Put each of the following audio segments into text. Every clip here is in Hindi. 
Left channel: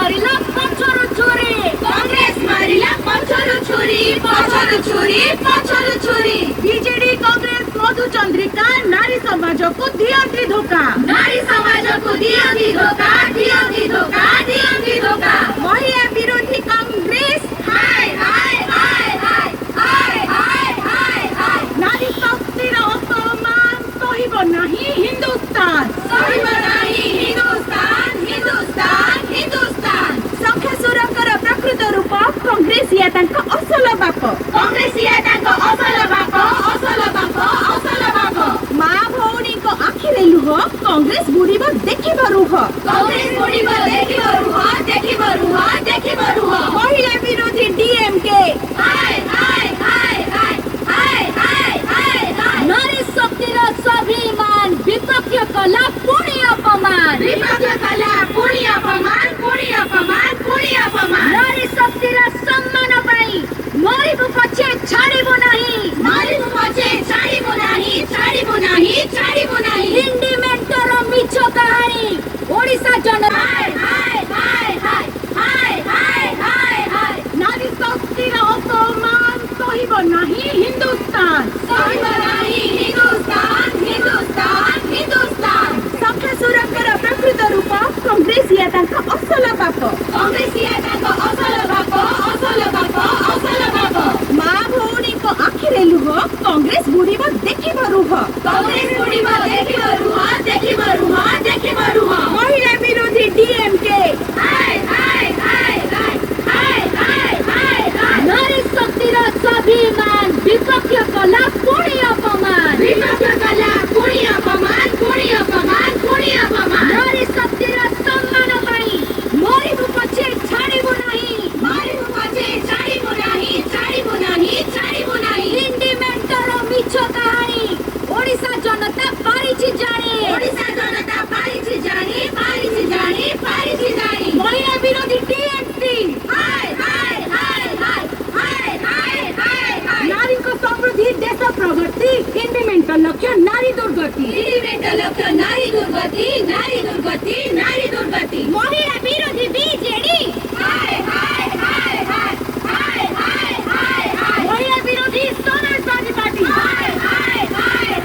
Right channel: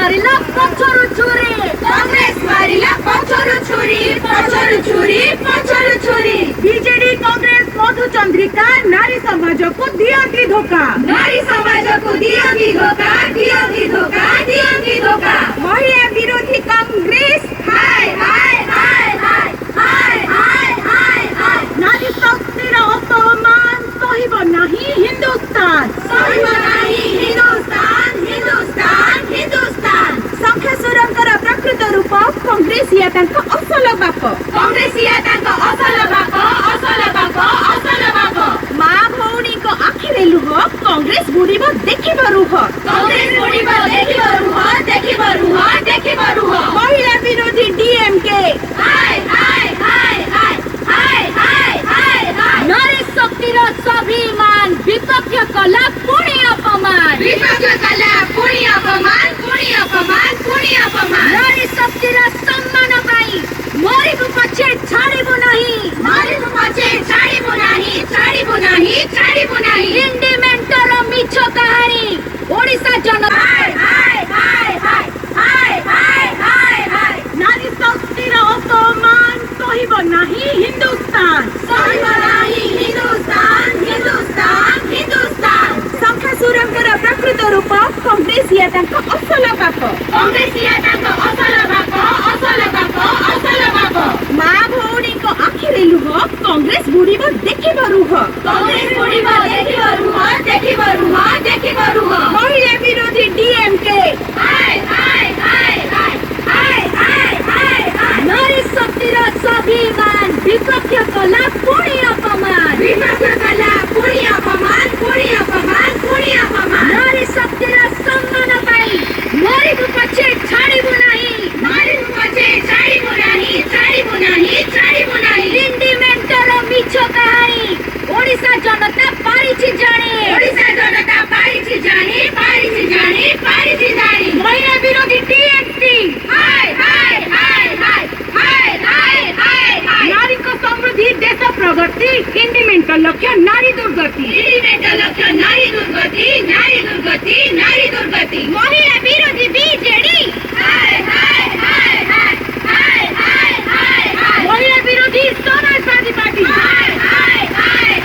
मारिला पछरु छुरी कांग्रेस मारिला पछरु छुरी पछरु छुरी पछरु छुरी बीजेडी कांग्रेस मधु चंद्रिका नारी समाज को दिया की धोखा नारी समाज को दिया की धोखा दिया की धोखा दिया की धोखा महिला विरोधी कांग्रेस हाय हाय हाय हाय हाय हाय हाय हाय नारी शक्तिर अपमान सहिब नाही हिंदुस्तान सहिब नाही हिंदुस्तान हिंदुस्तान हिंदुस्तान संख्या सुरंकर प्रकृत रूप कांग्रेस या तांका असल बाप कांग्रेस या तांका असल बाप असल बाप असल बाप मा भौणी को आखिरे लुह कांग्रेस बुड़ीब देखिब रुह कांग्रेस बुड़ीब देखिब रुह देखिब रुह देखिब रुह महिला विरोधी डीएमके हाय हाय हाय हाय हाय हाय हाय हाय नारी शक्तिर स्वाभिमान विपक्ष कला पुणी अपमान विपक्ष कला पुणी अपमान पुणी अपमान पुणी अपमान नारी शक्तिर सम्मान पाई मरिबु पछे छाडिबु नाही मरिबु पछे छाडिबु नाही छाडिबु नाही छाडिबु नाही इंडिमेंटर मिछ कहानी ओडिशा जनता हाय हाय हाय हाय हाय हाय हाय हाय नारी शक्तिर अपमान सहिब नाही हिंदुस्तान सहिब नाही हिंदुस्तान हिंदुस्तान हिंदुस्तान संख्या सुरंकर प्रकृत रूप कांग्रेस या तांका असल बाप कांग्रेस या तांका असल बाप असल बाप असल बाप मा भौणी को आखिरे लुह कांग्रेस बुड़ीब देखिब रुह कांग्रेस बुड़ीब देखिब रुह देखिब रुह देखिब रुह महिला विरोधी डीएमके हाय हाय हाय हाय हाय हाय हाय हाय नारी शक्तिर स्वाभिमान विपक्ष कला पुणी अपमान विपक्ष कला पुणी अपमान पुणी अपमान पुणी अपमान नारी शक्तिर सम्मान पाई मरिबु पछे छाडिबु नाही मरिबु पछे छाडिबु नाही छाडिबु नाही छाडिबु नाही इंडिमेंटर मिछ कहानी ओडिशा जनता पारिछि जानी ओडिशा जनता पारिछि जानी पारिछि जानी पारिछि जानी महिला विरोधी टीएमसी हाय हाय हाय हाय हाय हाय हाय हाय नारी को समृद्धि देश प्रगति इंडिमेंटर लक्ष्य नारी दुर्गति इंडिमेंटर लक्ष्य नारी दुर्गति नारी दुर्गति नारी दुर्गति महिला विरोधी बीजेडी हाय हाय हाय हाय हाय हाय हाय हाय महिला विरोधी समाजवादी पार्टी हाय हाय हाय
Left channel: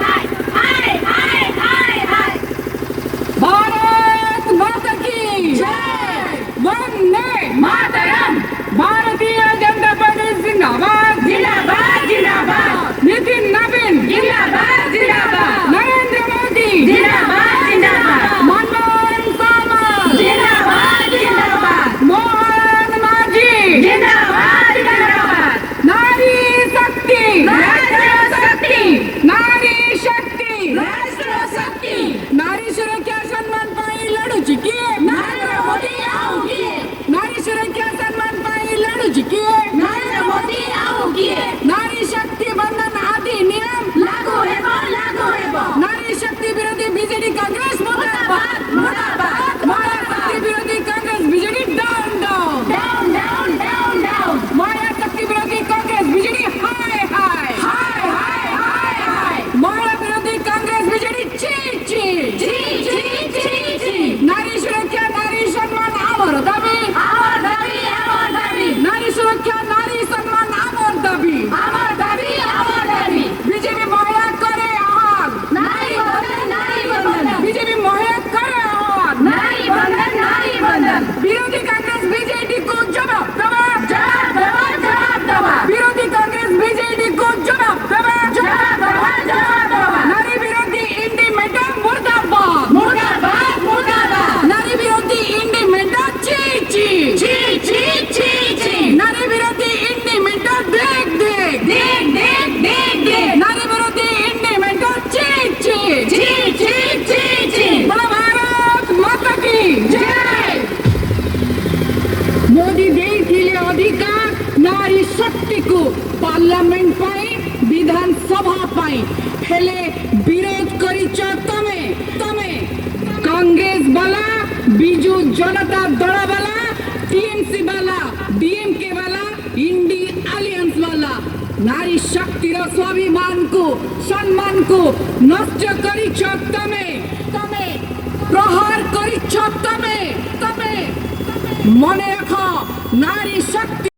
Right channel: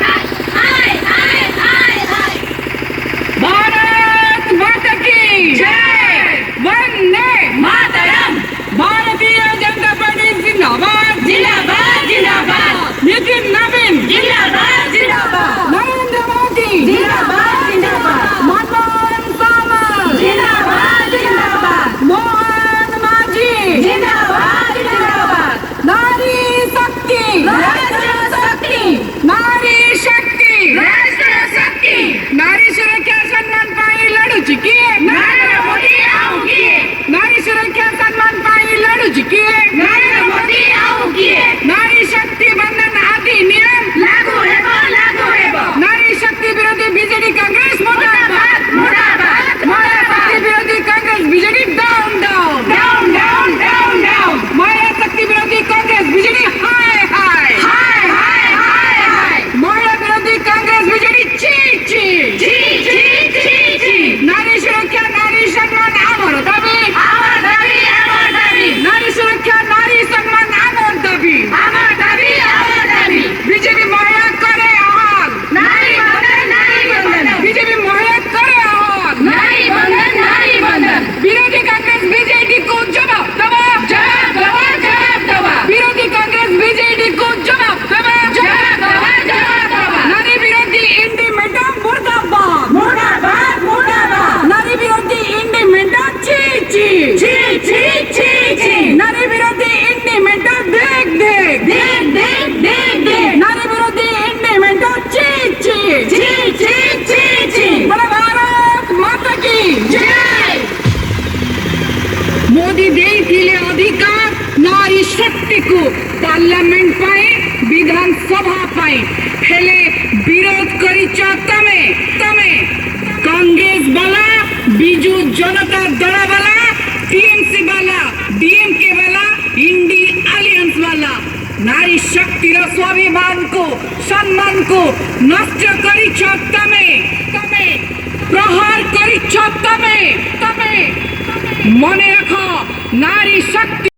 हाय हाय हाय हाय भारत माता की जय वंदे मातरम भारतीय जनता पार्टी जिंदाबाद जिंदाबाद जिंदाबाद नितिन नवीन जिंदाबाद जिंदाबाद नरेंद्र मोदी जिंदाबाद जिंदाबाद मनमोहन सामा जिंदाबाद जिंदाबाद मोहन मांझी जिंदाबाद जिंदाबाद नारी शक्ति राष्ट्र शक्ति नारी शक्ति राष्ट्र शक्ति नारी सुरक्षा सम्मान पाई लड़ुची किए नरेंद्र मोदी आओ किए नारी सुरक्षा सम्मान पाई लड़ुची किए नरेंद्र मोदी आओ किए नारी शक्ति बंधन अधिनियम लागू हेबो नारी शक्ति विरोधी बीजेडी कांग्रेस मुर्दाबाद मुर्दाबाद महिला शक्ति विरोधी Congress BJD down down down down down down महिला शक्ति विरोधी कांग्रेस बीजेडी हाय हाय हाय हाय हाय हाय महिला विरोधी कांग्रेस बीजेडी ची ची जी जी जी जी नारी सुरक्षा नारी सम्मान आमर दाबी আমার দাবি আমার দাবি नारी सुरक्षा नारी सम्मान आमर दाबी আমার দাবি আমার দাবি बीजेपी महिला करे आह्वान নারী বন্ধন बीजेपी महिला करे आह्वान নারী বন্ধন विरोधी कांग्रेस बीजेडी को जवाब दवा জবাব দেওয়া জবাব দেওয়া विरोधी कांग्रेस बीजेडी को जवाब दवा জবাব দেওয়া জবাব দেওয়া नारी विरोधी इंडिमेंटर मुर्दाबाद মুর্দাবাদ মুর্দাবাদ नारी विरोधी इंडिमेंटर ची ची জি জি জি জি नारी विरोधी इंडिमेंटर देख देख দেখ দেখ দেখ দেখ नारी विरोधी इंडिमेंटर ची ची জি জি জি জি बोलो भारत माता की জয় मोदी देइथिले अधिकार नारी शक्ति को पार्लियामेंट पाए विधानसभा पाए हेले विरोध करिच तमे तमे कांग्रेस वाला बिजू जनता दल वाला टीएमसी वाला डीएमके वाला इंडी अलियंस वाला नारी शक्तिर स्वाभिमान को सम्मान को नष्ट करिछ तमे तमे प्रहार करिछ तमे तमे মনে রাখো নারী শক্তি